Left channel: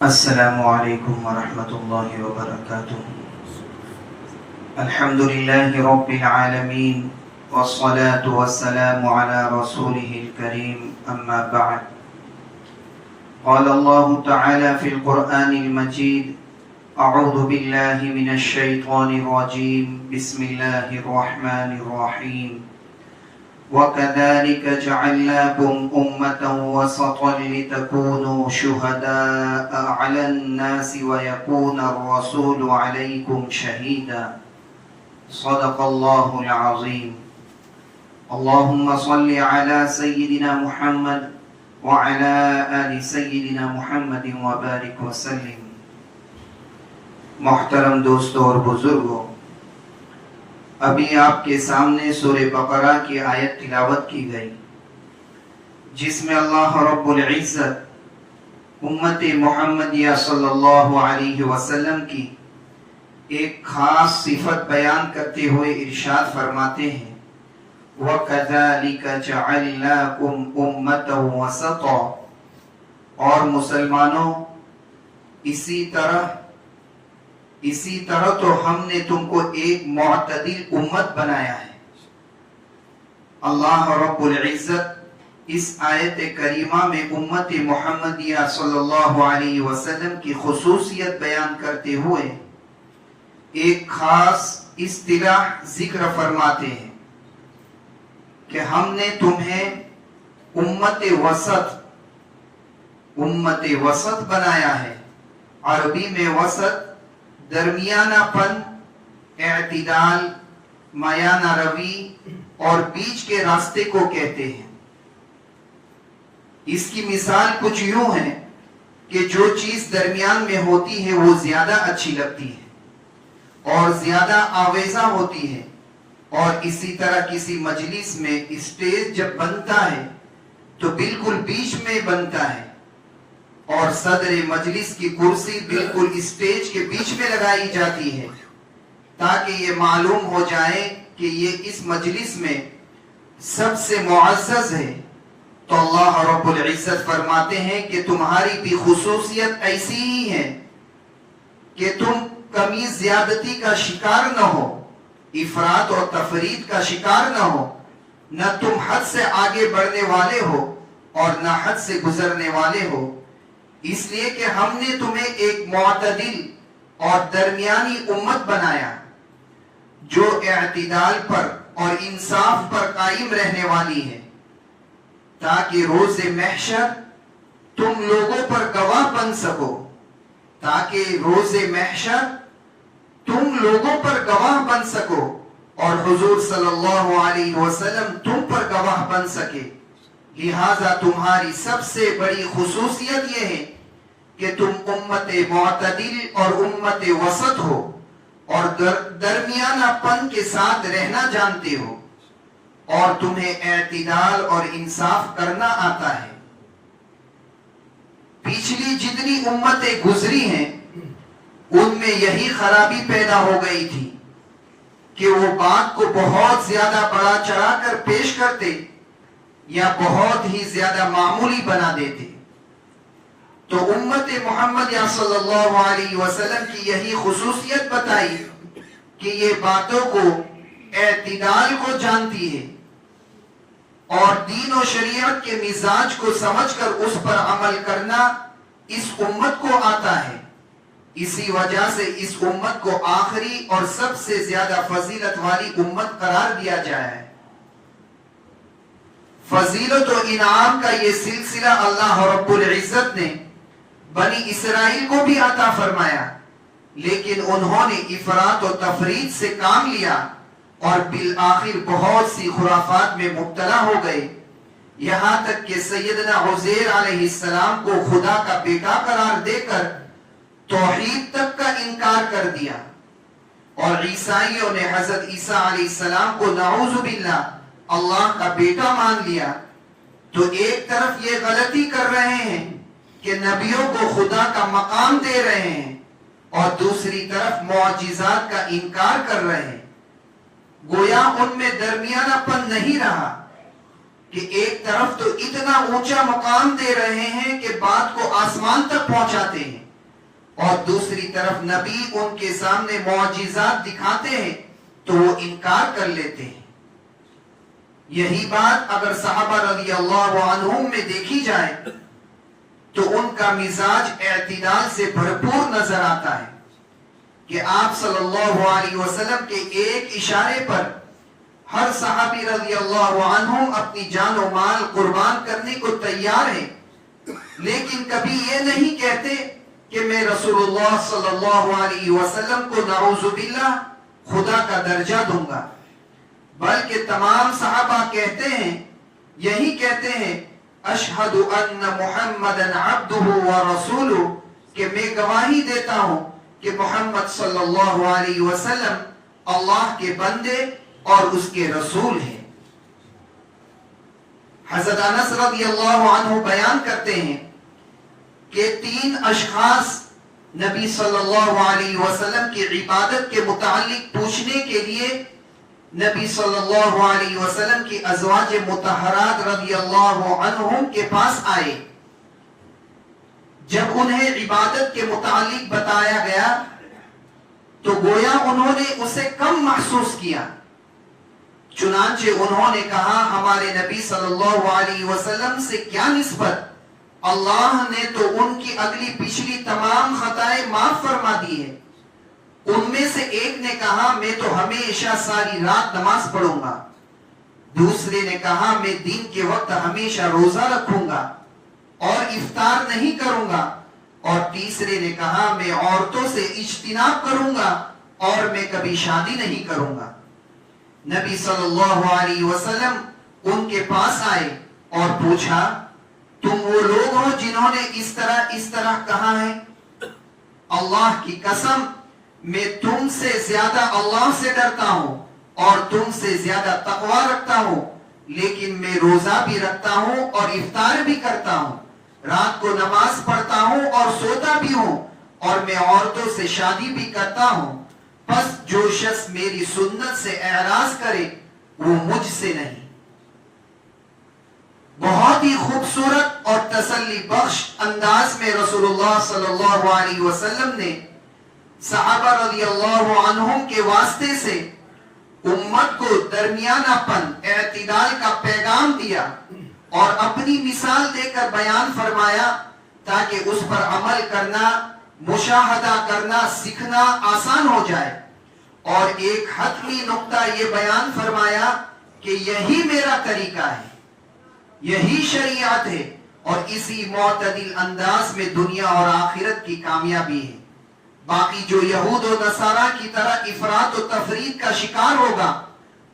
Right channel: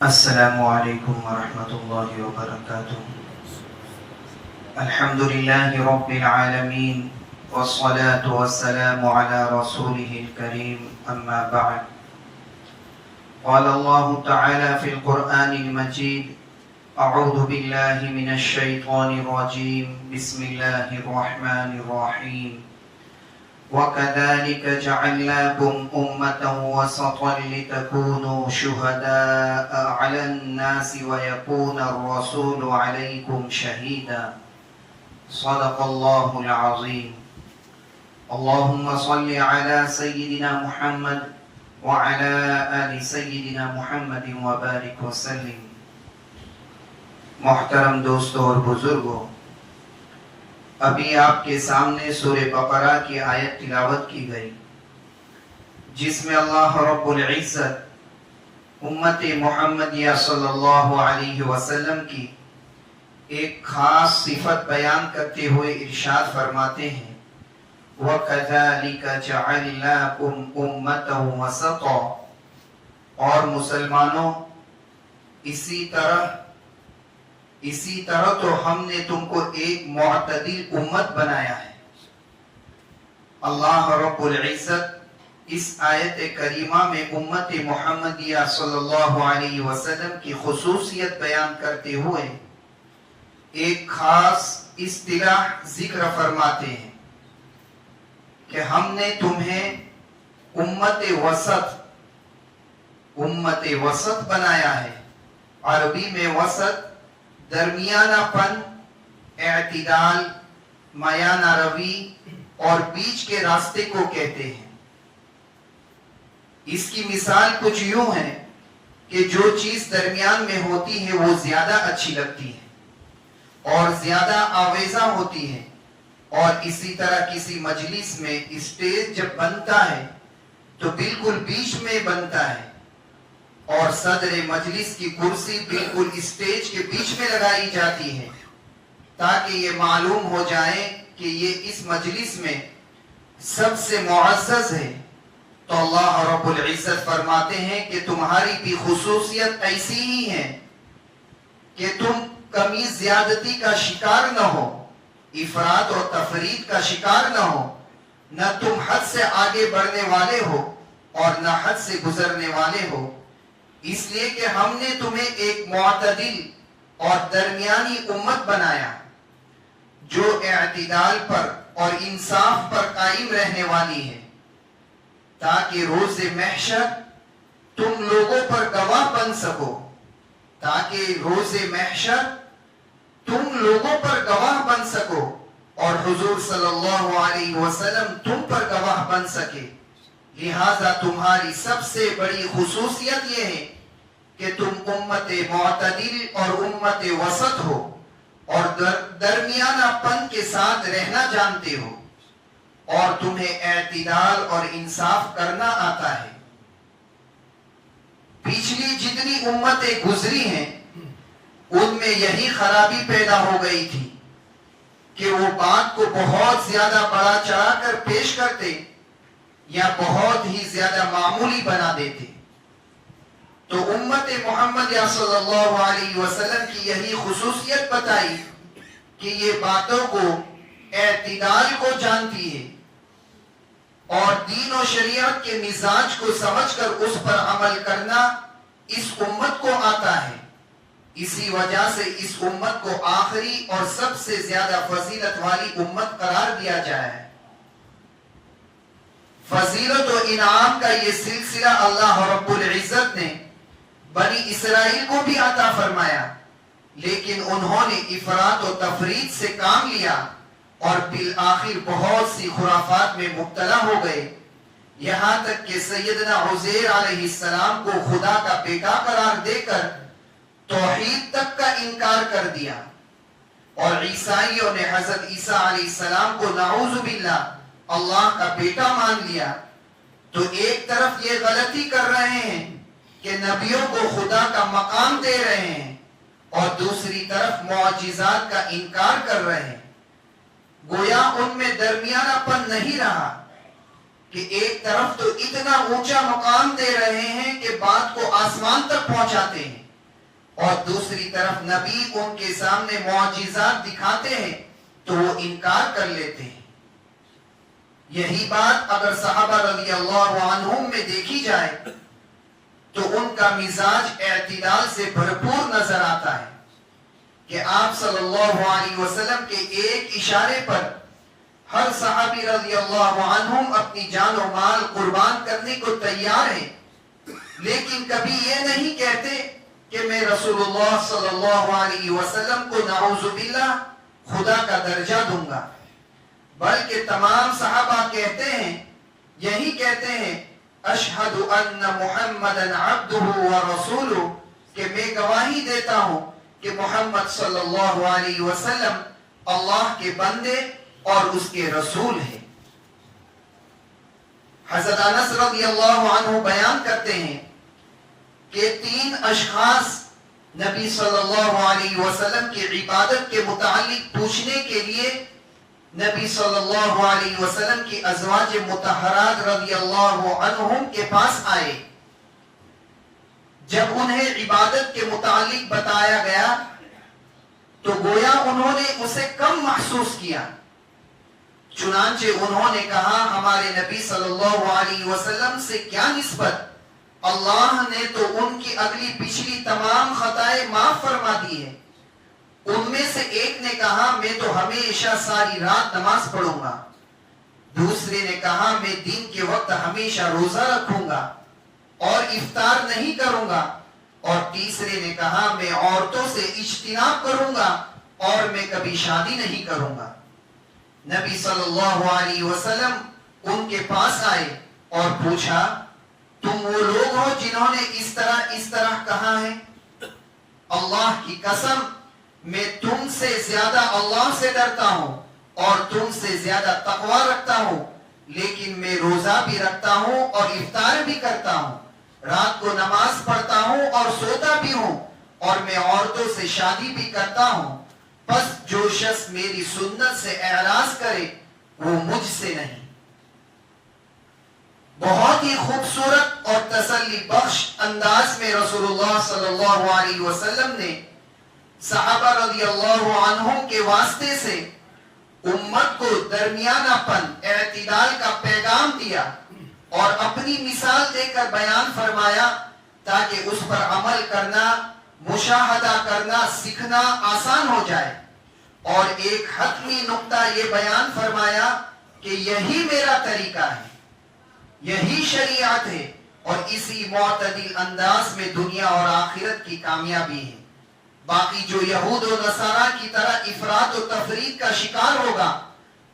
السلام علیکم ورحمۃ اللہ وبرکاتہ۔ الحمد للہ رب العالمین والصلاة والسلام على رسوله الكريم اما بعد۔ قال اللہ تعالی فی القرآن المجید: اعوذ باللہ من الشیطان الرجیم، بسم اللہ الرحمن الرحیم۔ وَكَذَلِكَ جَعَلْنَاكُمْ أُمَّةً وَسَطًا لِتَكُونُوا شُهَدَاءَ عَلَى النَّاسِ وَيَكُونَ الرَّسُولُ عَلَيْكُمْ شَهِيدًا۔ صدق اللہ العظیم۔ اللہم صل علی سیدنا محمد وعلی آل سیدنا محمد وبارک وسلم۔ محترم دوستوں اور بزرگوں، ابھی آپ کے سامنے سورہ بقرہ کی آیت تلاوت کی گئی، جس میں اللہ رب العزت امت محمدیہ صلی اللہ علیہ وسلم کی ایک خاص صفت بیان کرتے ہوئے ارشاد فرماتے ہیں: وَكَذَلِكَ جَعَلْنَاكُمْ أُمَّةً وَسَطًا، اور مسلمانوں اسی طرح تو ہم نے تم کو ایک معتدل امت بنایا ہے۔ اللہ رب العزت اس آیت کریمہ میں امت محمدیہ صلی اللہ علیہ وسلم کی خصوصیت بیان کرتے ہوئے ایک خاص اصطلاح ذکر فرماتے ہیں کہ ہم نے تمہیں امت وسط بنایا ہے۔ عربی میں وسط درمیانہ پن، اعتدال، میانہ روی اور بیچ کے راستے کو کہتے ہیں۔ اس کی مثال کچھ یوں ہے کہ جو چیز درمیان میں ہوتی ہے وہ زیادہ اچھی لگتی ہے اور زیادہ آویزہ ہوتی ہے، اور اسی طرح کسی مجلس میں اسٹیج جب بنتا ہے تو بالکل بیچ میں بنتا ہے، اور صدر مجلس کی کرسی بالکل اسٹیج کے بیچ میں لگائی جاتی ہے تاکہ یہ معلوم ہو جائے کہ یہ اس مجلس میں سب سے معزز ہے۔ تو اللہ رب العزت فرماتے ہیں کہ تمہاری بھی خصوصیت ایسی ہی ہے کہ تم کمی زیادتی کا شکار نہ ہو، افراط اور تفرید کا شکار نہ ہو، نہ تم حد سے آگے بڑھنے والے ہو اور نہ حد سے گزرنے والے ہو، اس لیے کہ ہم نے تمہیں ایک معتدل اور درمیانی امت بنایا جو اعتدال پر اور انصاف پر قائم رہنے والی ہے، تاکہ روز محشر تم لوگوں پر گواہ بن سکو، اور حضور صلی اللہ علیہ وسلم تم پر گواہ بن سکے۔ لہذا تمہاری سب سے بڑی خصوصیت یہ ہے کہ تم امت معتدل اور امت وسط ہو اور درمیانہ پن کے ساتھ رہنا جانتے ہو، اور تمہیں اعتدال اور انصاف کرنا آتا ہے۔ پچھلی جتنی امتیں گزری ہیں ان میں یہی خرابی پیدا ہو گئی تھی کہ وہ بات کو بہت زیادہ بڑا چڑھا کر پیش کرتے یا بہت ہی زیادہ معمولی بنا دیتے۔ تو امت محمد صلی اللہ علیہ وسلم کی یہی خصوصیت بتائی کہ یہ باتوں کو، اعتدال کو جانتی ہے اور دین و شریعت کے مزاج کو سمجھ کر اس پر عمل کرنا اس امت کو آتا ہے۔ اسی وجہ سے اس امت کو آخری اور سب سے زیادہ فضیلت والی امت قرار دیا جایا ہے۔ فضیلت و انعام کا یہ سلسلہ اللہ رب العزت نے بنی اسرائیل کو بھی عطا فرمایا، لیکن انہوں نے افراط و تفرید سے کام لیا اور بالآخر بہت سی خرافات میں مبتلا ہو گئے، یہاں تک کہ سیدنا عزیر علیہ السلام کو خدا کا بیٹا قرار دے کر توحید تک کا انکار کر دیا، اور عیسائیوں نے حضرت عیسیٰ علیہ السلام کو نعوذ باللہ اللہ کا بیٹا مان لیا۔ تو ایک طرف یہ غلطی کر رہے ہیں کہ نبیوں کو خدا کا مقام دے رہے ہیں، اور دوسری طرف معجزات کا انکار کر رہے ہیں۔ گویا ان میں درمیانہ پن نہیں رہا کہ ایک طرف تو اتنا اونچا مقام دے رہے ہیں کہ بات کو آسمان تک پہنچاتے ہیں، اور دوسری طرف نبی ان کے سامنے معجزات دکھاتے ہیں تو وہ انکار کر لیتے ہیں. یہی بات اگر صحابہ رضی اللہ عنہم میں دیکھی جائے تو ان کا مزاج اعتدال سے بھرپور نظر آتا ہے کہ آپ صلی اللہ علیہ وسلم کے ایک اشارے پر ہر صحابی رضی اللہ عنہم اپنی جان و مال قربان کرنے کو تیار ہیں، لیکن کبھی یہ نہیں کہتے کہ میں رسول اللہ صلی اللہ علیہ وسلم کو نعوذ باللہ خدا کا درجہ دوں گا، بلکہ تمام صحابہ کہتے ہیں، یہی کہتے ہیں اشہد ان محمدن عبدہ ورسولہ، کہ میں گواہی دیتا ہوں کہ محمد صلی اللہ علیہ وسلم اللہ کے بندے اور اس کے رسول ہیں. حضرت انس رضی اللہ عنہ بیان کرتے ہیں کہ 3 اشخاص نبی صلی اللہ علیہ وسلم کی عبادت کے متعلق پوچھنے کے لیے نبی صلی اللہ علیہ وسلم کی ازواج مطہرات رضی اللہ عنہم کے پاس آئے. جب انہیں عبادت کے متعلق بتایا گیا تو گویا انہوں نے اسے کم محسوس کیا. چنانچہ انہوں نے کہا ہمارے نبی صلی اللہ علیہ وسلم سے کیا نسبت، اللہ نے تو ان کی اگلی پچھلی تمام خطائیں معاف فرما دی ہے. ان میں سے ایک نے کہا میں تو ہمیشہ ساری رات نماز پڑھوں گا، دوسرے نے کہا میں دن کے وقت ہمیشہ روزہ رکھوں گا اور افطار نہیں کروں گا، اور تیسرے نے کہا میں عورتوں سے اجتناب کروں گا اور میں کبھی شادی نہیں کروں گا. نبی صلی اللہ علیہ وسلم ان کے پاس آئے اور پوچھا تم وہ لوگ ہو جنہوں نے اس طرح کہا ہے؟ اللہ کی قسم میں تم سے زیادہ اللہ سے ڈرتا ہوں اور تم سے زیادہ تقوی رکھتا ہوں، لیکن میں روزہ بھی رکھتا ہوں اور افطار بھی کرتا ہوں، رات کو نماز پڑھتا ہوں اور سوتا بھی ہوں، اور میں عورتوں سے شادی بھی کرتا ہوں. پس جو شخص میری سنت سے اعراض کرے وہ مجھ سے نہیں. بہت ہی خوبصورت اور تسلی بخش انداز میں رسول اللہ صلی اللہ علیہ وسلم نے صحابہ رضی اللہ عنہم کے واسطے سے امت کو درمیانہ پن اعتدال کا پیغام دیا اور اپنی مثال دے کر بیان فرمایا تاکہ اس پر عمل کرنا، مشاہدہ کرنا، سیکھنا آسان ہو جائے. اور ایک حتمی نقطہ یہ بیان فرمایا کہ یہی میرا طریقہ ہے، یہی شریعت ہے، اور اسی معتدل انداز میں دنیا اور آخرت کی کامیابی ہے. باقی جو یہود و نصارہ کی طرح افراط و تفرید کا شکار ہوگا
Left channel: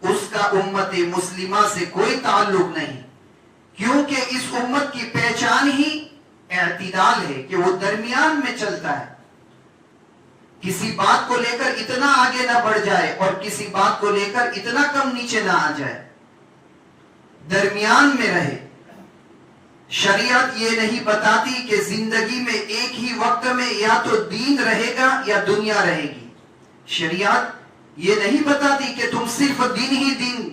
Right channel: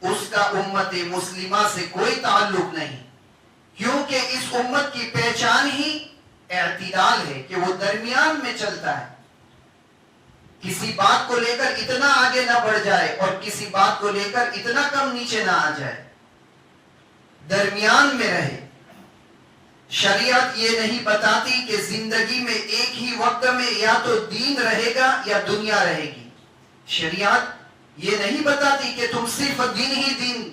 اس کا امت مسلمہ سے کوئی تعلق نہیں، کیونکہ اس امت کی پہچان ہی اعتدال ہے کہ وہ درمیان میں چلتا ہے. کسی بات کو لے کر اتنا آگے نہ بڑھ جائے اور کسی بات کو لے کر اتنا کم نیچے نہ آ جائے، درمیان میں رہے. شریعت یہ نہیں بتاتی کہ زندگی میں ایک ہی وقت میں یا تو دین رہے گا یا دنیا رہے گی. شریعت یہ نہیں بتاتی کہ تم صرف دین ہی دین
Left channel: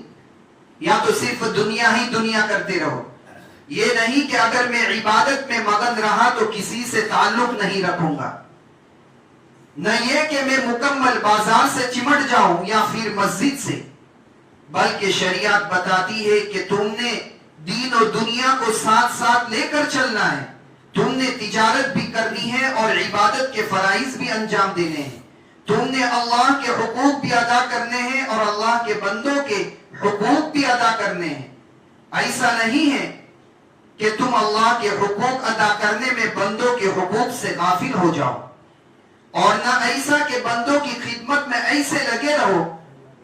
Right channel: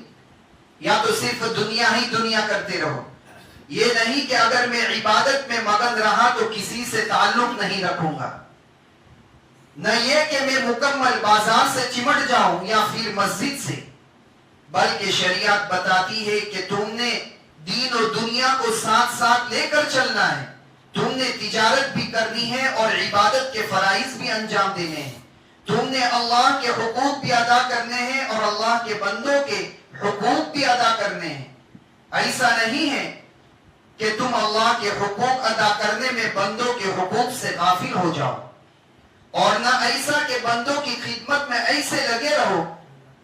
یا تو صرف دنیا ہی دنیا کرتے رہو. یہ نہیں کہ اگر میں عبادت میں مگن رہا تو کسی سے تعلق نہیں رکھوں گا، نہ یہ کہ میں مکمل بازار سے چمٹ جاؤں یا پھر مسجد سے، بلکہ شریعت بتاتی ہے کہ تم نے دین و دنیا کو ساتھ ساتھ لے کر چلنا ہے. تم نے تجارت بھی کرنی ہے اور عبادت کے فرائض بھی انجام دینے ہیں. تم نے اللہ کے حقوق بھی ادا کرنے ہیں اور اللہ کے بندوں کے حقوق بھی ادا کرنے ہیں. ایسا نہیں ہے کہ تم اللہ کے حقوق ادا کرنے میں بندوں کے حقوق سے غافل ہو جاؤ، اور نہ ایسا کہ بندوں کی خدمت میں ایسے لگے رہو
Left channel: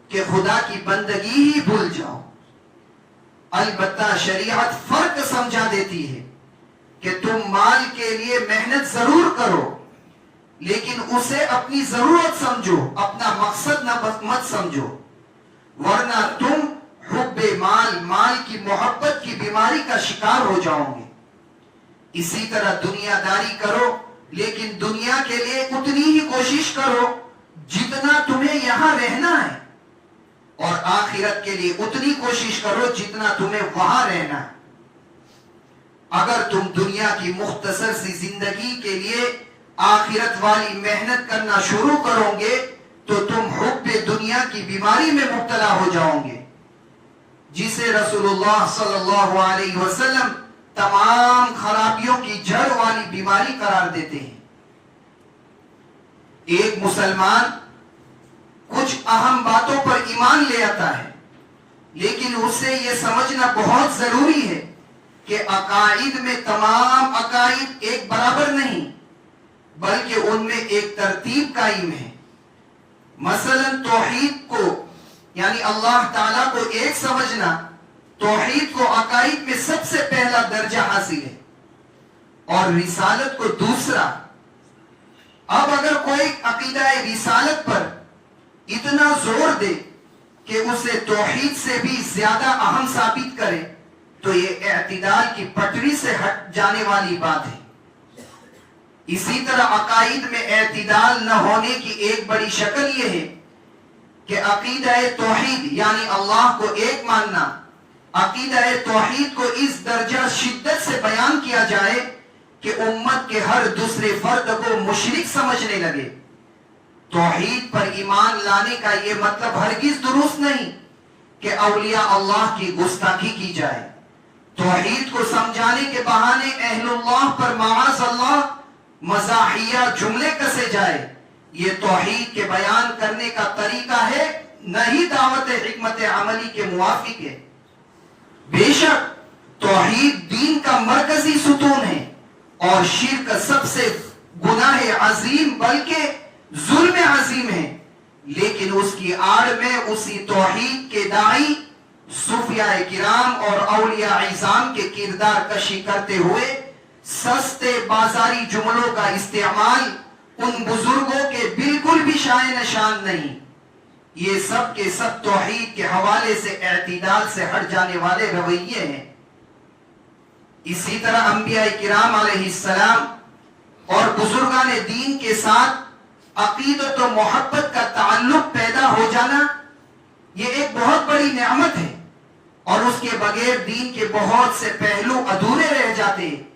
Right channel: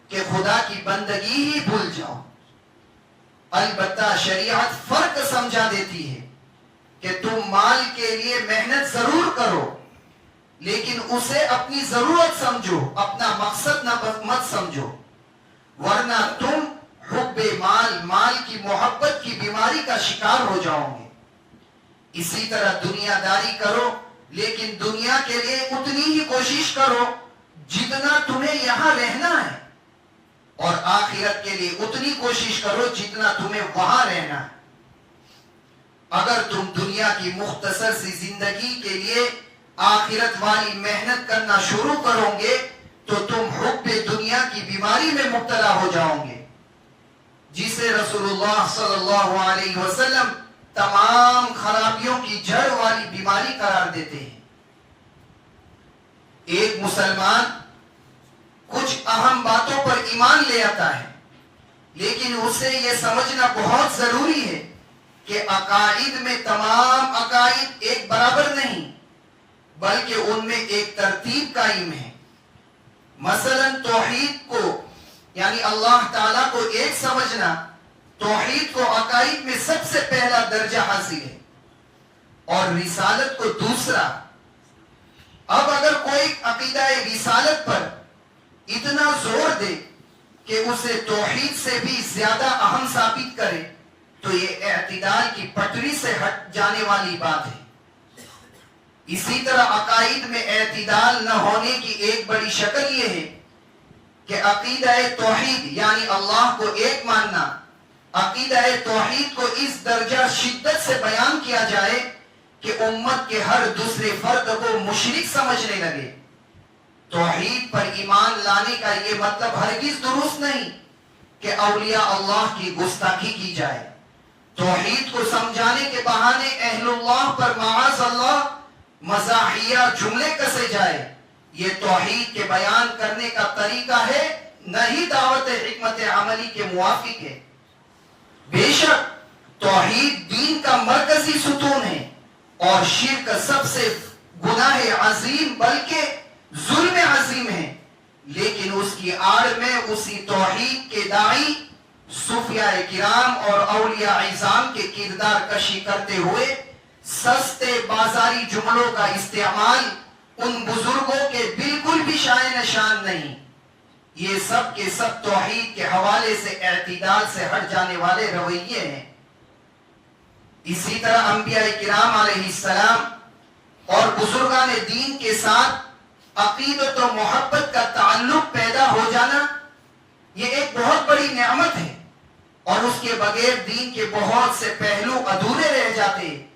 کہ خدا کی بندگی ہی بھول جاؤ. البتہ شریعت فرق سمجھا دیتی ہے کہ تم مال کے لیے محنت ضرور کرو، لیکن اسے اپنی ضرورت سمجھو، اپنا مقصد مت سمجھو، ورنہ تم حب مال کی محبت کی بیماری کا شکار ہو جاؤ گے. اسی طرح دنیا داری کرو، لیکن دنیا کے لیے اتنی ہی کوشش کرو جتنا تمہیں یہاں رہنا ہے، اور آخرت کے لیے اتنی کوشش کرو جتنا تمہیں وہاں رہنا ہے. اگر تم دنیا کی مختصر سی زندگی کے لیے آخرت والی محنت کرنا شروع کرو گے تو تم حب دنیا کی بیماری میں مبتلا ہو جاؤ گے، جسے رسول اللہ صلی اللہ علیہ وسلم تمام خرابیوں کی جڑ والی بیماری قرار دیتے ہیں۔ ایک مسلمان کچھ اہم باتوں پر ایمان لے آتا ہے، لیکن اسے یہ سمجھنا بہت ضروری ہے کہ عقائد میں تمام عقائد ایک برابر نہیں، بلکہ ان میں ایک ترتیب قائم ہے۔ مثلا توحید کو یعنی اللہ تعالیٰ کو ایک سمجھنا، توحید کو عقائد میں سب سے پہلا درجہ حاصل ہے، اور رسالت کو دوسرا۔ اب اگر کوئی عقیدہ رسالت پر اتنا زور دے کہ اسے توحید سے بھی زیادہ اہم ثابت کرے تو یہ اعتدال کی پٹری سے ہٹ جانے والی بات ہے۔ اسی طرح عقائد میں اعتدال نہ ہونے کی ایک بڑی شکل یہ ہے کہ عقیدہ توحید یعنی اللہ کو ایک ماننا، عقیدہ توحید کو اس درجہ شدت سے بیان کیا جائے کہ امت کے ہر دوسرے فرد کو مشرک سمجھنے لگے۔ توحید پر ایمان لانے کا یہ مطلب ہرگز درست نہیں کہ اولیاء اللہ کی گستاخی کی جائے، توحید کو سمجھانے کے بہانے اہل اللہ پر معاذ اللہ مزاحیہ جملے کسے جائے، یہ توحید کے بیان کرنے کا طریقہ ہے، نہ ہی دعوت حکمت عملی کے موافق ہے۔ بے شک توحید دین کا مرکزی ستون ہے، اور شرک سب سے گناہ عظیم بلکہ ظلم عظیم ہے، لیکن اس کی آڑ میں اسی توحید کے داعی صوفیاء کرام اور اولیاء اعظام کے کردار کشی کرتے ہوئے سستے بازاری جملوں کا استعمال ان بزرگوں کے بالکل بھی شائن شان نہیں۔ یہ سب کے سب توحید کے حوالے سے اعتدال سے ہٹ جانے والے رویے ہیں۔ اسی طرح انبیاء کرام علیہ السلام اور بزرگان دین کے ساتھ عقیدت و محبت کا تعلق پیدا ہو جانا یہ ایک بہت بڑی نعمت ہے، اور اس کے بغیر دین کے بہت سے پہلو ادھورے رہ جاتے ہیں۔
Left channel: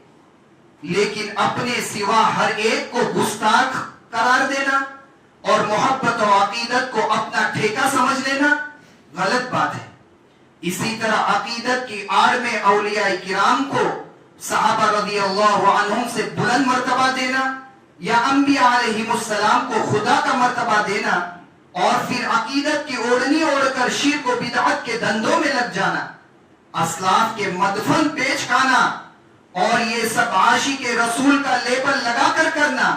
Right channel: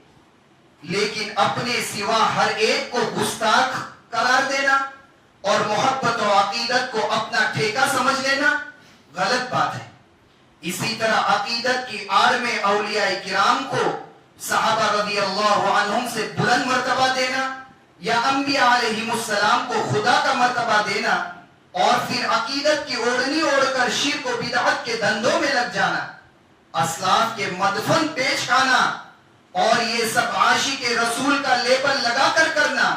لیکن اپنے سوا ہر ایک کو گستاخ قرار دینا اور محبت و عقیدت کو اپنا ٹھیکہ سمجھ لینا غلط بات ہے۔ اسی طرح عقیدت کی آڑ میں اولیاء کرام کو صحابہ رضی اللہ عنہم سے بلند مرتبہ دینا یا انبیاء علیہم السلام کو خدا کا مرتبہ دینا، اور پھر عقیدت کی اوڑھنی اوڑھ کر شرک و بدعت کے دھندوں میں لگ جانا، اسلاف کے مدفن پیچ کھانا، اور یہ سب عاشق رسول کا لیبل لگا کر کرنا،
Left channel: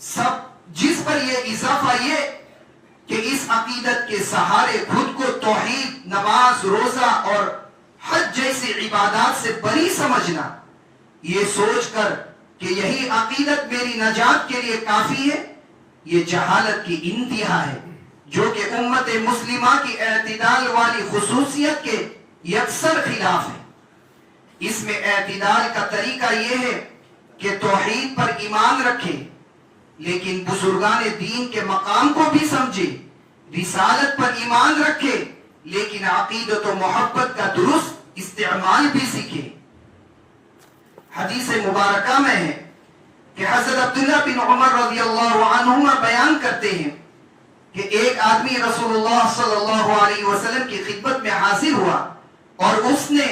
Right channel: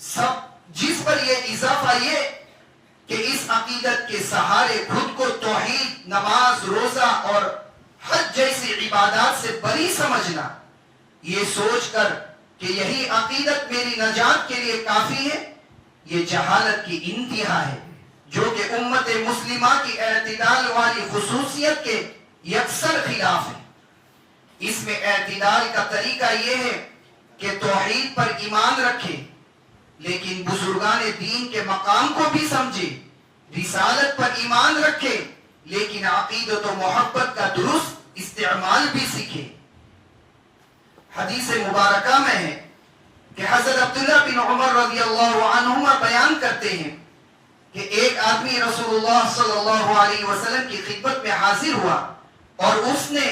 سب جس پر یہ اضافہ یہ کہ اس عقیدت کے سہارے خود کو توحید، نماز، روزہ اور حج جیسی عبادات سے بری سمجھنا، یہ سوچ کر کہ یہی عقیدت میری نجات کے لیے کافی ہے، یہ جہالت کی انتہا ہے، جو کہ امت مسلمہ کی اعتدال والی خصوصیت کے یکسر خلاف ہے۔ اس میں اعتدال کا طریقہ یہ ہے کہ توحید پر ایمان رکھے، لیکن بزرگان دین کے مقام کو بھی سمجھے، رسالت پر ایمان رکھے، لیکن عقیدت و محبت کا درست استعمال بھی سیکھے۔ حدیث مبارکہ میں ہے کہ حضرت عبداللہ بن عمر رضی اللہ عنہما بیان کرتے ہیں کہ ایک آدمی رسول اللہ صلی اللہ علیہ وسلم کی خدمت میں حاضر ہوا اور اس نے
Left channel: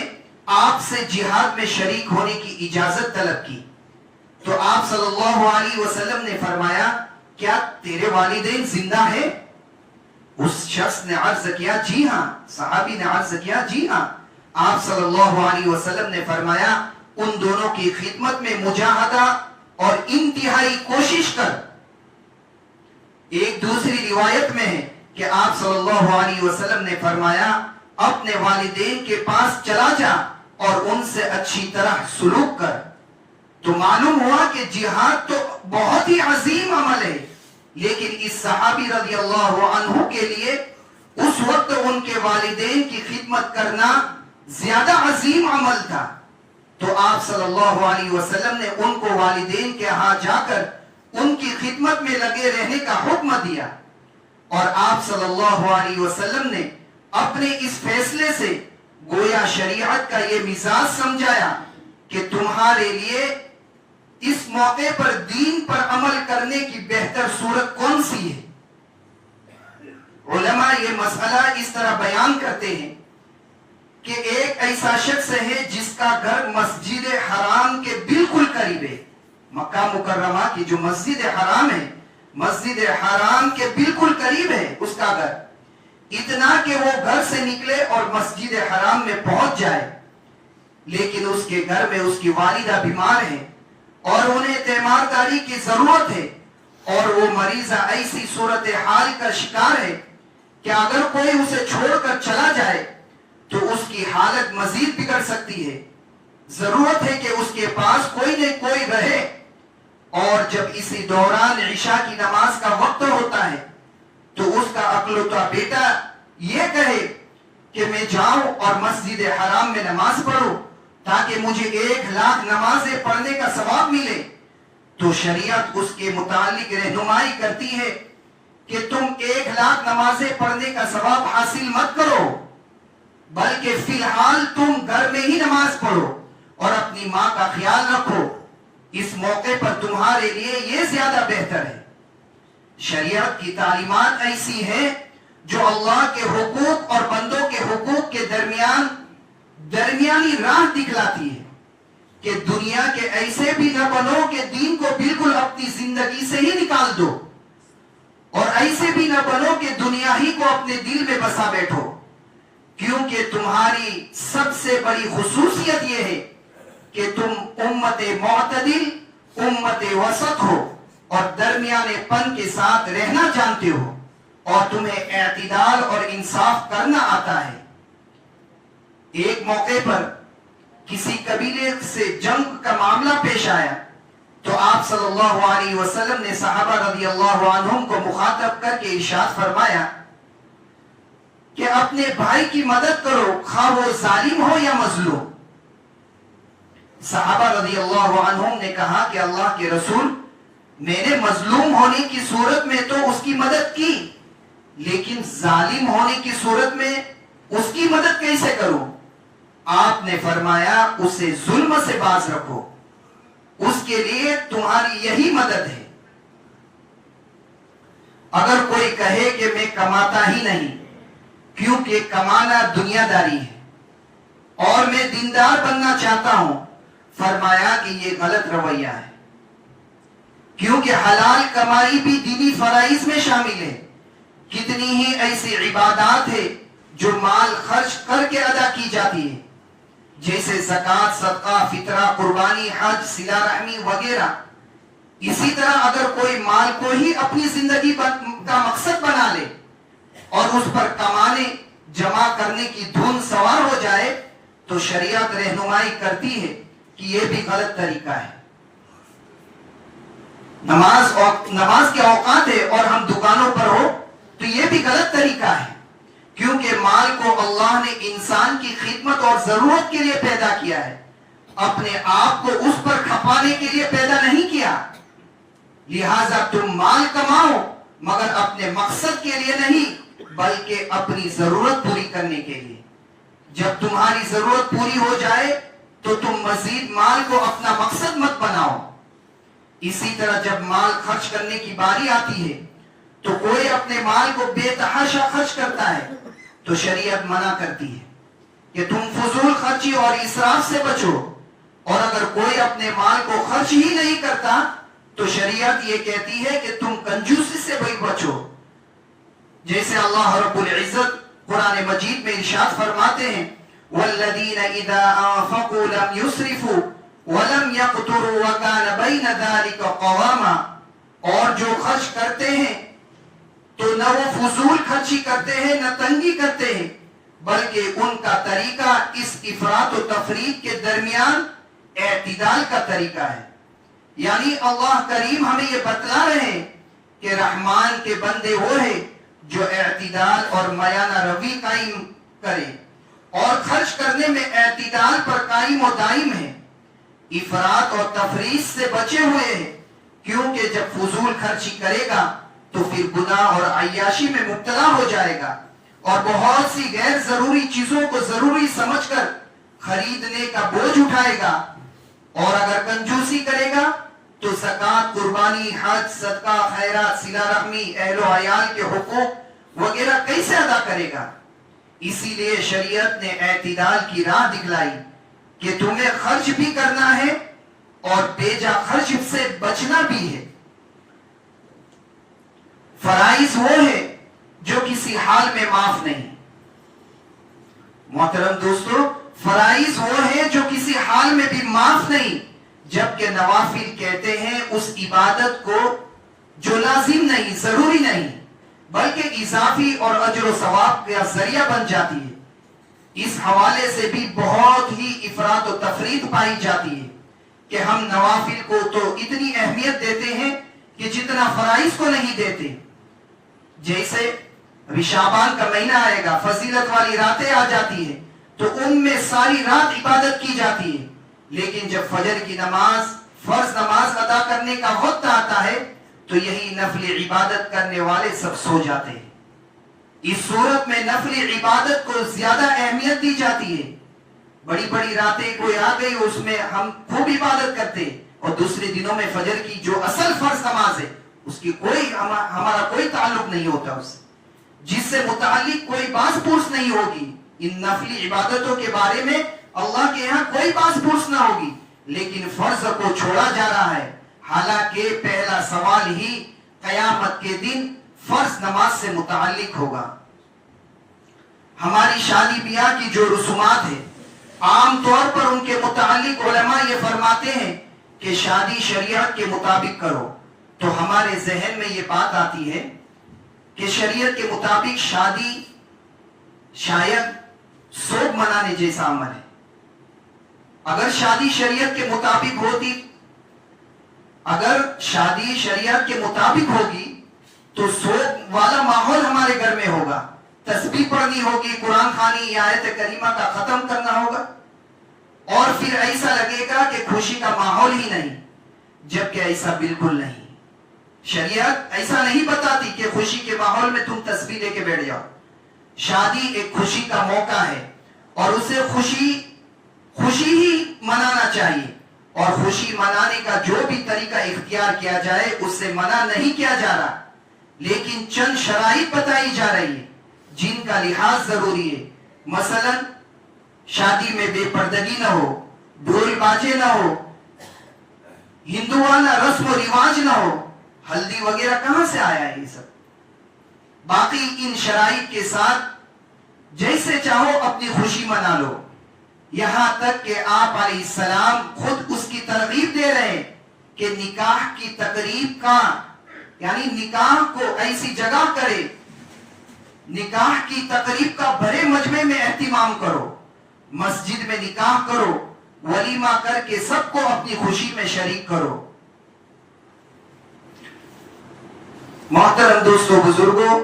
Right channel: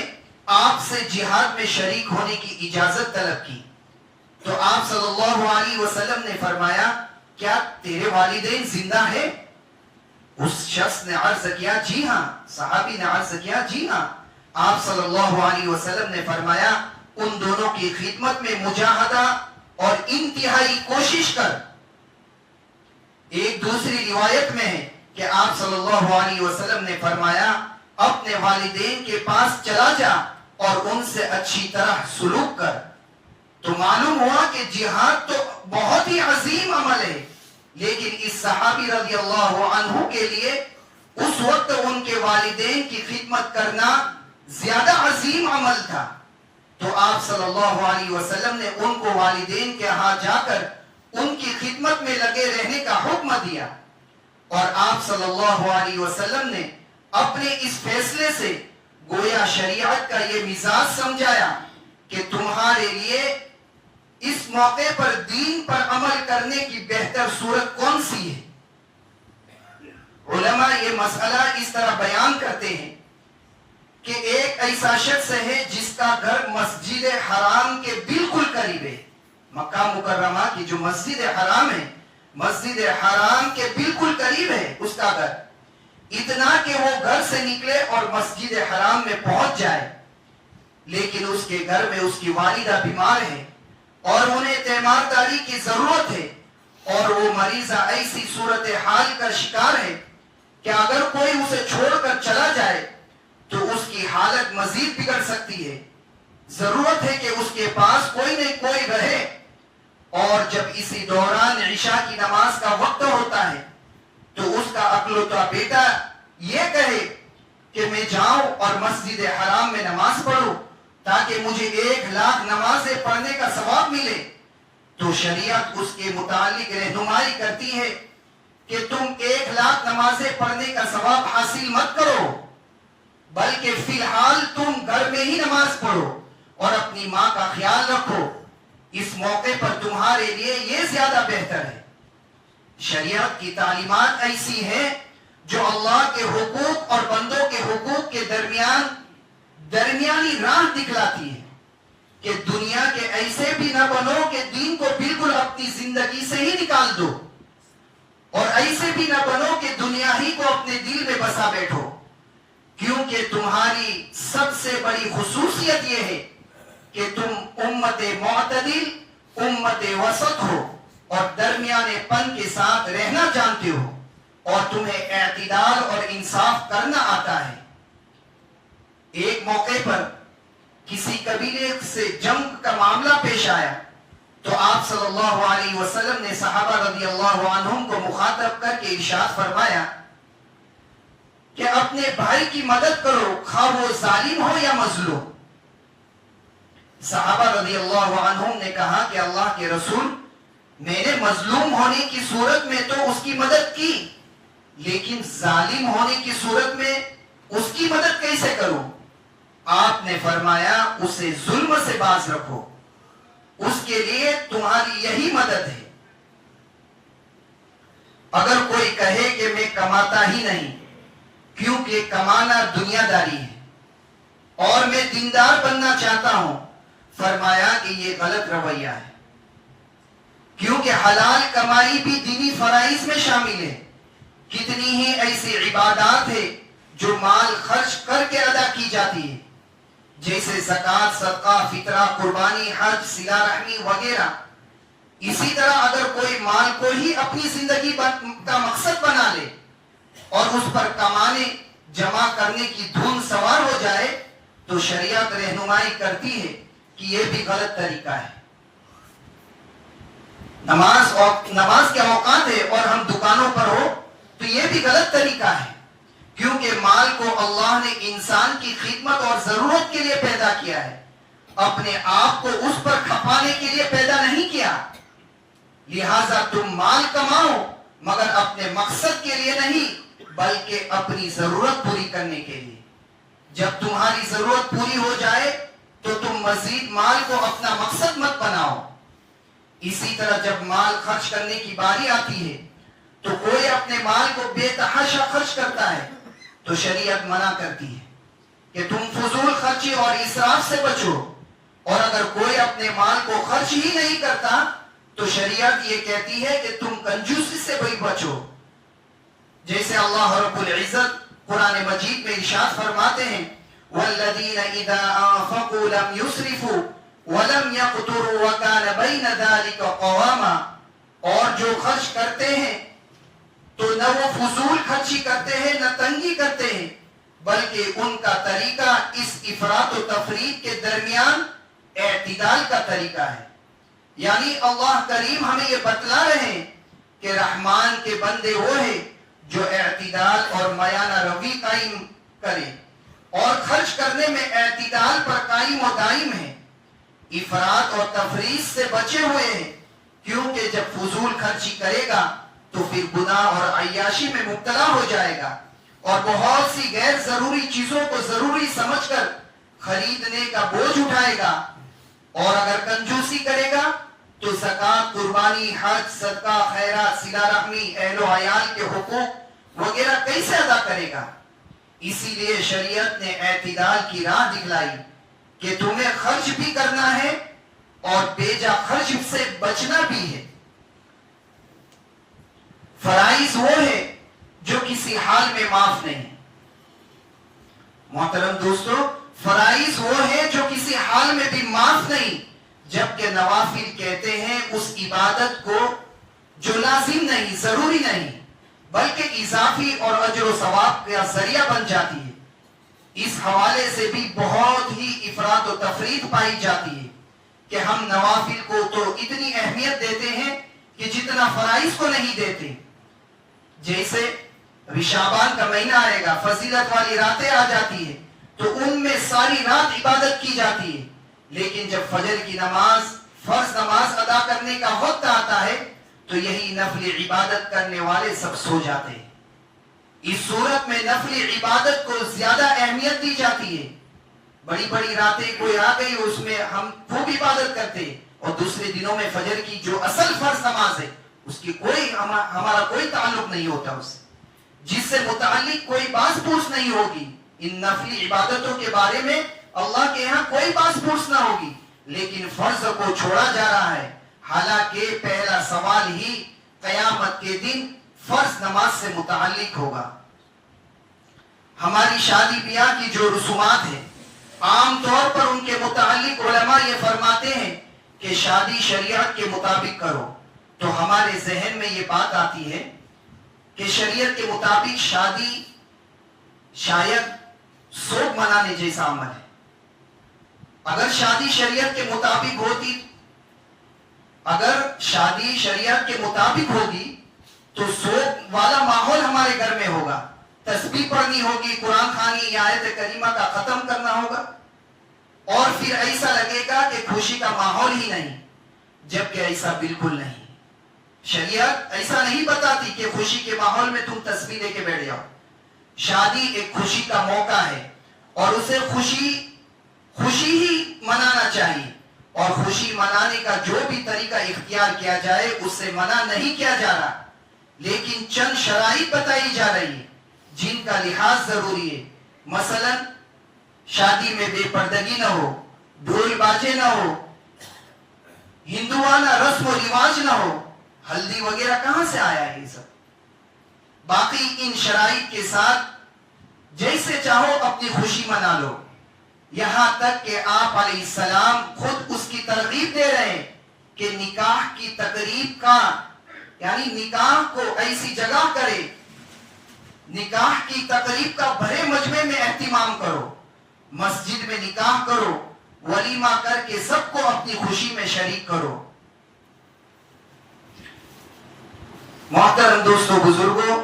آپ سے جہاد میں شریک ہونے کی اجازت طلب کی، تو آپ صلی اللہ علیہ وسلم نے فرمایا کیا تیرے والدین زندہ ہیں؟ اس شخص نے عرض کیا جی ہاں، صحابی نے عرض کیا جی ہاں۔ آپ صلی اللہ علیہ وسلم نے فرمایا ان دونوں کی خدمت میں مجاہدہ اور انتہائی کوشش کر۔ ایک دوسری روایت میں ہے کہ آپ صلی اللہ علیہ وسلم نے فرمایا اپنے والدین کے پاس چلا جا اور ان سے اچھی طرح سلوک کر۔ تو معلوم ہوا کہ جہاد تو بہت ہی عظیم عمل ہے، لیکن اس صحابی رضی اللہ عنہ کے لیے اس وقت ان کے والدین کی خدمت کرنا زیادہ عظیم عمل تھا، تو آپ صلی اللہ علیہ وسلم نے ان کو والدین کے ہاں جا کر ان کی خدمت میں لگے رہنے کا حکم دیا، اور آپ صلی اللہ علیہ وسلم نے اپنے اس فیصلے سے گویا شریعت کا یہ مزاج سمجھایا کہ تمہارے لیے اس موقع پر دین پر عمل کرنے کی بہتر صورت کون سی ہے؟ علماء یہ مسئلہ اس طرح بیان کرتے ہیں کہ ایک ایسا شخص ہے جس کا گھر مسجد حرام کے بالکل قریب ہے. مکہ مکرمہ کی جو مسجد حرام ہے، مسجد حرام کے بالکل قریب ہے اس کا گھر. اتنا کہ وہ گھر سے نکلے اور مسجد حرام میں پہنچ جائے، لیکن اس کے گھر میں اس کی والدہ بیمار ہے اور انہیں تیمارداری کی ضرورت ہے، اور وہ مریضہ ایسی صورتحال کا شکار ہے کہ اگر کوئی اسے چھوڑ کر چلا جائے تو اس کی حالت مزید بگڑ سکتی ہے. ضرورت ہے کہ اس کے پاس کوئی نہ کوئی رہے. اور جب اسی دوران عشاء کی نماز کا وقت ہوتا ہے تو اس کا اکلوتا بیٹا یہ کہے کہ میں جاؤں اور مسجد حرام میں نماز پڑھوں تاکہ مجھے 1,00,000 نمازیں پڑھنے کا ثواب ملے، تو شریعت اس کے متعلق رہنمائی کرتی ہے کہ تم 1,00,000 نمازیں پڑھنے کا ثواب حاصل مت کرو، بلکہ فی الحال تم گھر میں ہی نماز پڑھو اور اپنی ماں کا خیال رکھو. اس موقع پر تمہارے لیے یہ زیادہ بہتر ہے. شریعت کی تعلیمات ایسی ہیں جو اللہ کے حقوق اور بندوں کے حقوق کے درمیانی راہ دکھلاتی ہے کہ دنیا کے ایسے بھی نہ بنو کہ دین کو بالکل اپنی زندگی سے ہی نکال دو، اور ایسے بھی نہ بنو کہ دنیا ہی کو اپنے دل میں بسا بیٹھو. کیونکہ تمہاری سب سے بڑی خصوصیت یہ ہے کہ تم امت معتدل، امت وسط ہو اور درمیانے پن کے ساتھ رہنا جانتے ہو، اور تمہیں اعتدال اور انصاف کرنا آتا ہے. ایک موقع پر کسی قبیلے سے جنگ کا معاملہ پیش آیا تو آپ صلی اللہ علیہ وسلم نے صحابہ رضی اللہ عنہم کو مخاطب کر کے ارشاد فرمایا کہ اپنے بھائی کی مدد کرو، خواہ وہ ظالم ہو یا مظلوم. صحابہ رضی اللہ عنہم نے کہا کہ اللہ کے رسول، میں نے مظلوم ہونے کی صورت میں تو اس کی مدد کی، لیکن ظالم ہونے کی صورت میں اس کی مدد کیسے کروں؟ آپ نے فرمایا اسے ظلم سے باز رکھو، اس کے لیے تمہاری یہی مدد ہے. اگر کوئی کہے کہ میں کماتا ہی نہیں کیونکہ کمانا دنیا داری ہے اور میں دیندار بننا چاہتا ہوں، فرمایا کہ یہ غلط رویہ ہے، کیونکہ حلال کمائی بھی دینی فرائض میں شامل ہے. کتنی ہی ایسی عبادات ہے جو مال خرچ کر کے ادا کی جاتی ہے، جیسے زکوٰۃ، صدقہ، فطرہ، قربانی، حج، صلہ رحمی وغیرہ. اسی طرح اگر کوئی مال کو ہی اپنی زندگی کا مقصد بنا لے اور اس پر کمانے جمع کرنے کی دھن سوار ہو جائے تو شریعت رہنمائی کرتی ہے کہ یہ بھی غلط طریقہ ہے. نماز کے اوقات ہے اور ہم دکانوں پر ہو تو یہ بھی غلط طریقہ ہے، کیونکہ مال کو اللہ نے انسان کی خدمت اور ضرورت کے لیے پیدا کیا ہے، اپنے آپ کو اس پر کھپانے کے لیے پیدا نہیں کیا. لہذا تم مال کماؤ مگر اپنے مقصد کے لیے نہیں بلکہ اپنی ضرورت پوری کرنے کے لیے. جب تمہاری ضرورت پوری ہو جائے تو تم مزید مال کو اپنا مقصد مت بناؤ. اسی طرح جب مال خرچ کرنے کی باری آتی ہے تو کوئی اپنے مال کو بے تحاشا خرچ کرتا ہے تو شریعت منع کرتی ہے کہ تم فضول خرچی اور اسراف سے بچو، اور اگر کوئی اپنے مال کو خرچ ہی نہیں کرتا تو شریعت یہ کہتی ہے کہ تم کنجوسی سے بھی بچو. جیسے اللہ رب العزت قرآن مجید میں ارشاد فرماتے ہیں والذین اذا انفقوا لم يسرفوا ولم يقتروا وكان بين ذلك قواما. اور جو خرچ کرتے ہیں تو نہ وہ فضول خرچی کرتے ہیں نہ تنگی کرتے ہیں، بلکہ ان کا طریقہ اس افراط و تفریط کے درمیان اعتدال کا طریقہ ہے. یعنی اللہ کریم ہمیں یہ بتلا رہے ہیں کہ رحمان کے بندے وہ ہیں جو اعتدال اور میانہ روی قائم کرے اور خرچ کرنے میں اعتدال پر قائم و دائم ہے، افراط اور تفریط سے بچے ہوئے ہیں. کیونکہ جب فضول خرچی کرے گا تو پھر گناہ اور عیاشی میں مبتلا ہو جائے گا اور بہت سی غیر ضروری چیزوں کو ضروری سمجھ کر خریدنے کا بوجھ اٹھائے گا. اور اگر کنجوسی کرے گا تو زکات، قربانی، حج، صدقہ، خیرات، صلہ رحمی، اہل و عیال کے حقوق وغیرہ کیسے ادا کرے گا؟ اسی لیے شریعت نے اعتدال کی راہ دکھلائی کہ تمہیں خرچ بھی کرنا ہے اور بیجا خرچ سے بچنا بھی ہے۔ فرائض وہ ہے جو کسی حال میں معاف نہیں۔ محترم دوستو، فرائض وہ ہے جو کسی حال میں بھی معاف نہیں، جبکہ نوافل کہتے ہیں اس عبادت کو جو لازم نہیں، ضروری نہیں، بلکہ اضافی اور اجر و ثواب کا ذریعہ بن جاتی ہے۔ اس حوالے سے بھی بہت ہی افراط و تفریط پائی جاتی ہے کہ ہم نوافل کو تو اتنی اہمیت دیتے ہیں کہ جتنا فرائض کو نہیں دیتے۔ جیسے ابھی شعبان کا مہینہ آئے گا، فضیلت والی راتیں آ جاتی ہے تو ان میں ساری رات عبادت کی جاتی ہے، لیکن جب فجر کی نماز، فرض نماز ادا کرنے کا وقت آتا ہے تو یہی نفل عبادت کرنے والے سب سو جاتے ہیں۔ اس صورت میں نفل عبادت کو زیادہ اہمیت دی جاتی ہے۔ بڑی بڑی راتیں کوئی آ گئی، اس میں ہم خوب عبادت کرتے، اور دوسرے دنوں میں فجر کی جو اصل فرض نماز ہے اس کی ہمارا کوئی تعلق نہیں ہوتا، اس سے جس سے متعلق کوئی باز پوچھ نہیں ہوگی۔ ان نفلی عبادتوں کے بارے میں اللہ کے یہاں کوئی باز پوچھ نہ ہوگی، لیکن فرض کو چھوڑا جا رہا ہے، حالانکہ پہلا سوال ہی قیامت کے دن فرض نماز سے متعلق ہوگا۔ ہماری شادی بیاہ کی جو رسومات ہیں، عام طور پر ان کے متعلق علماء یہ فرماتے ہیں کہ شادی شریعت کے مطابق کرو، تو ہمارے ذہن میں یہ بات آتی ہے کہ شریعت کے مطابق شادی شاید سوگ منانے جیسا عمل ہے۔ اگر شادی شریعت کے مطابق ہوتی، اگر شادی شریعت کے مطابق ہوگی تو سوگ والا ماحول ہمارے گھر میں ہوگا، تسبیح پڑھنی ہوگی، قرآن خوانی یا آیت کریمہ کا ختم کرنا ہوگا، اور پھر ایسا لگے گا کہ خوشی کا ماحول ہی نہیں، جبکہ ایسا بالکل نہیں۔ شریعت ایسا نہیں بتاتی کہ خوشی کے ماحول میں تم تسبیح لے کے بیٹھ جاؤ۔ شادی ایک خوشی کا موقع ہے اور اسے خوشی ہی منانا چاہیے، اور خوشی منانے کا جو بھی طریقہ اختیار کیا جائے اس سے منع نہیں کیا جا رہا، لیکن چند شرائط بتائی جا رہی ہے جن کا لحاظ ضروری ہے۔ مثلا شادی میں بے پردگی نہ ہو، ڈھول باجے نہ ہو، ہندوانہ رسم و رواج نہ ہو۔ ہلدی وغیرہ کہاں سے آیا ہے یہ سب؟ باقی ان شرائط کے ساتھ جیسے چاہو اپنی خوشی منا لو، یہاں تک کہ آپ علیہ السلام خود اس کی ترغیب دے رہے ہیں کہ نکاح کی تقریب کا، یعنی نکاح کو ایسی جگہ کرے، نکاح کی تقریب کا بڑے مجمع میں اہتمام کرو، مسجد میں نکاح کرو، ولیمہ کر کے سب کو اپنی خوشی میں شریک کرو۔ محترم دوستو، بزرگوں،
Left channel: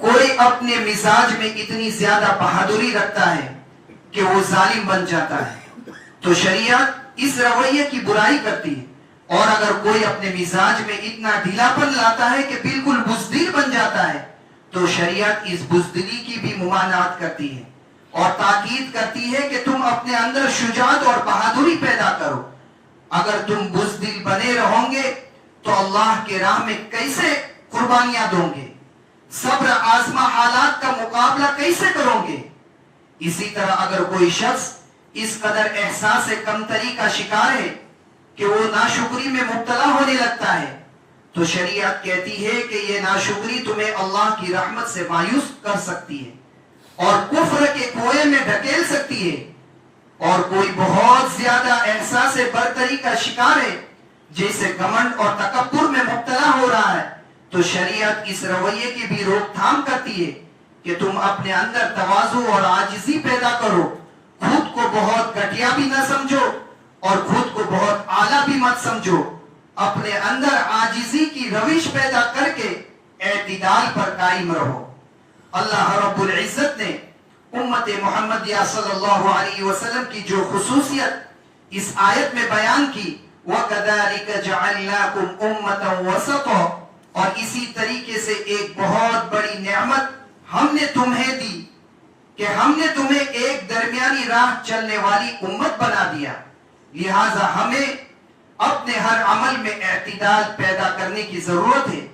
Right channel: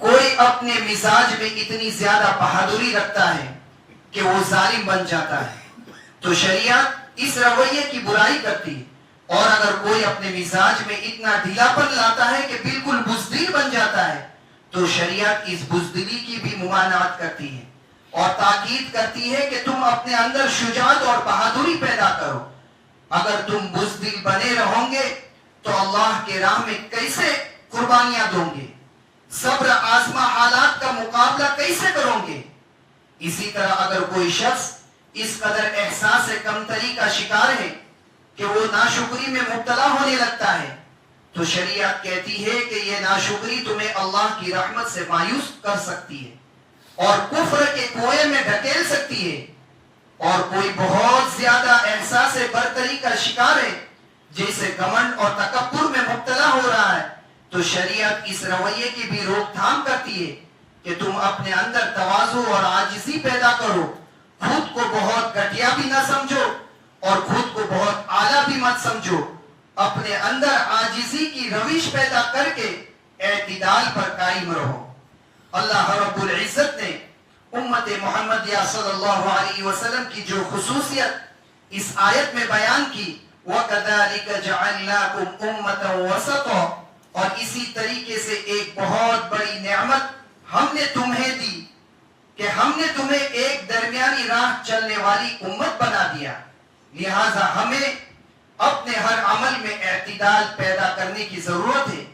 کوئی اپنے مزاج میں اتنی زیادہ بہادری رکھتا ہے کہ وہ ظالم بن جاتا ہے تو شریعت اس رویے کی برائی کرتی ہے، اور اگر کوئی اپنے مزاج میں اتنا ڈھیلاپن لاتا ہے کہ بالکل بزدل بن جاتا ہے تو شریعت اس بزدلی کی بھی ممانعت کرتی ہے اور تاکید کرتی ہے کہ تم اپنے اندر شجاعت اور بہادری پیدا کرو۔ اگر تم بزدل بنے رہو گے تو اللہ کے راہ میں کیسے قربانیاں دو گے؟ صبر آزما حالات کا مقابلہ کیسے کرو گے؟ اسی طرح اگر کوئی شخص اس قدر احساس کمتری کا شکار ہے کہ وہ ناشکری میں مبتلا ہونے لگتا ہے تو شریعت کہتی ہے کہ یہ ناشکری تمہیں اللہ کی رحمت سے مایوس کر سکتی ہے اور کفر کے کنویں میں ڈھکیل سکتی ہے۔ اور کوئی بہت زیادہ احساس برتری کا شکار ہے، جیسے گھمنڈ اور تکبر میں مبتلا ہو رہا ہے، تو شریعت اس رویے کی بھی روک تھام کرتی ہے کہ تم اپنے اندر تواضع اور عاجزی پیدا کرو، خود کو بہت گھٹیا بھی نہ سمجھو اور خود کو بہت اعلیٰ بھی مت سمجھو، اپنے اندر عاجزی کی روش پیدا کر کے اعتدال پر قائم رہو۔ اللہ رب العزت نے امت محمدیہ صلی اللہ علیہ وسلم کی جو خصوصیت اس آیت میں بیان کی، وَكَذَلِكَ جَعَلْنَاكُمْ أُمَّةً وَسَطًا، اور اسی طریقے سے ایک بہت بڑی نعمت ہم نے تمہیں دی کہ ہم نے تمہیں ایک درمیانی راہ چلنے والی امت بنا دیا، لہٰذا ہمیں اپنے ہر عمل میں اعتدال پیدا کرنے کی ضرورت ہے،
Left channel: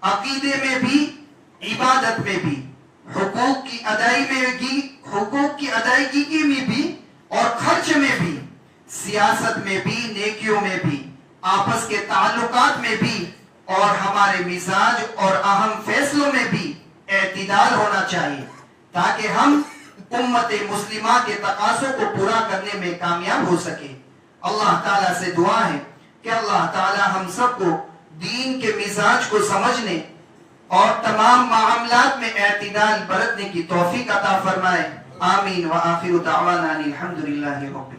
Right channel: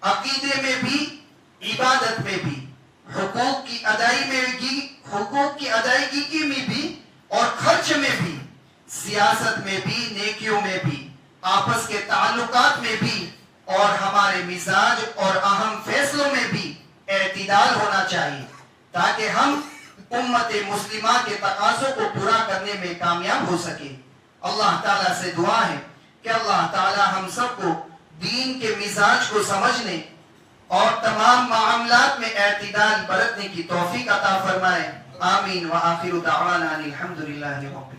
عقیدے میں بھی، عبادت میں بھی، حقوق کی ادائیگی میں بھی اور خرچ میں بھی، سیاست میں بھی، نیکیوں میں بھی، آپس کے تعلقات میں بھی، اور ہمارے مزاج اور اہم فیصلوں میں بھی اعتدال ہونا چاہیے تاکہ ہم امت مسلمہ کے تقاضوں کو پورا کرنے میں کامیاب ہو سکے۔ اللہ تعالیٰ سے دعا ہے کہ اللہ تعالیٰ ہم سب کو دین کے مزاج کو سمجھنے اور تمام معاملات میں اعتدال برتنے کی توفیق عطا فرمائے۔ آمین۔ وآخر دعوانا الحمدللہ رب العالمین۔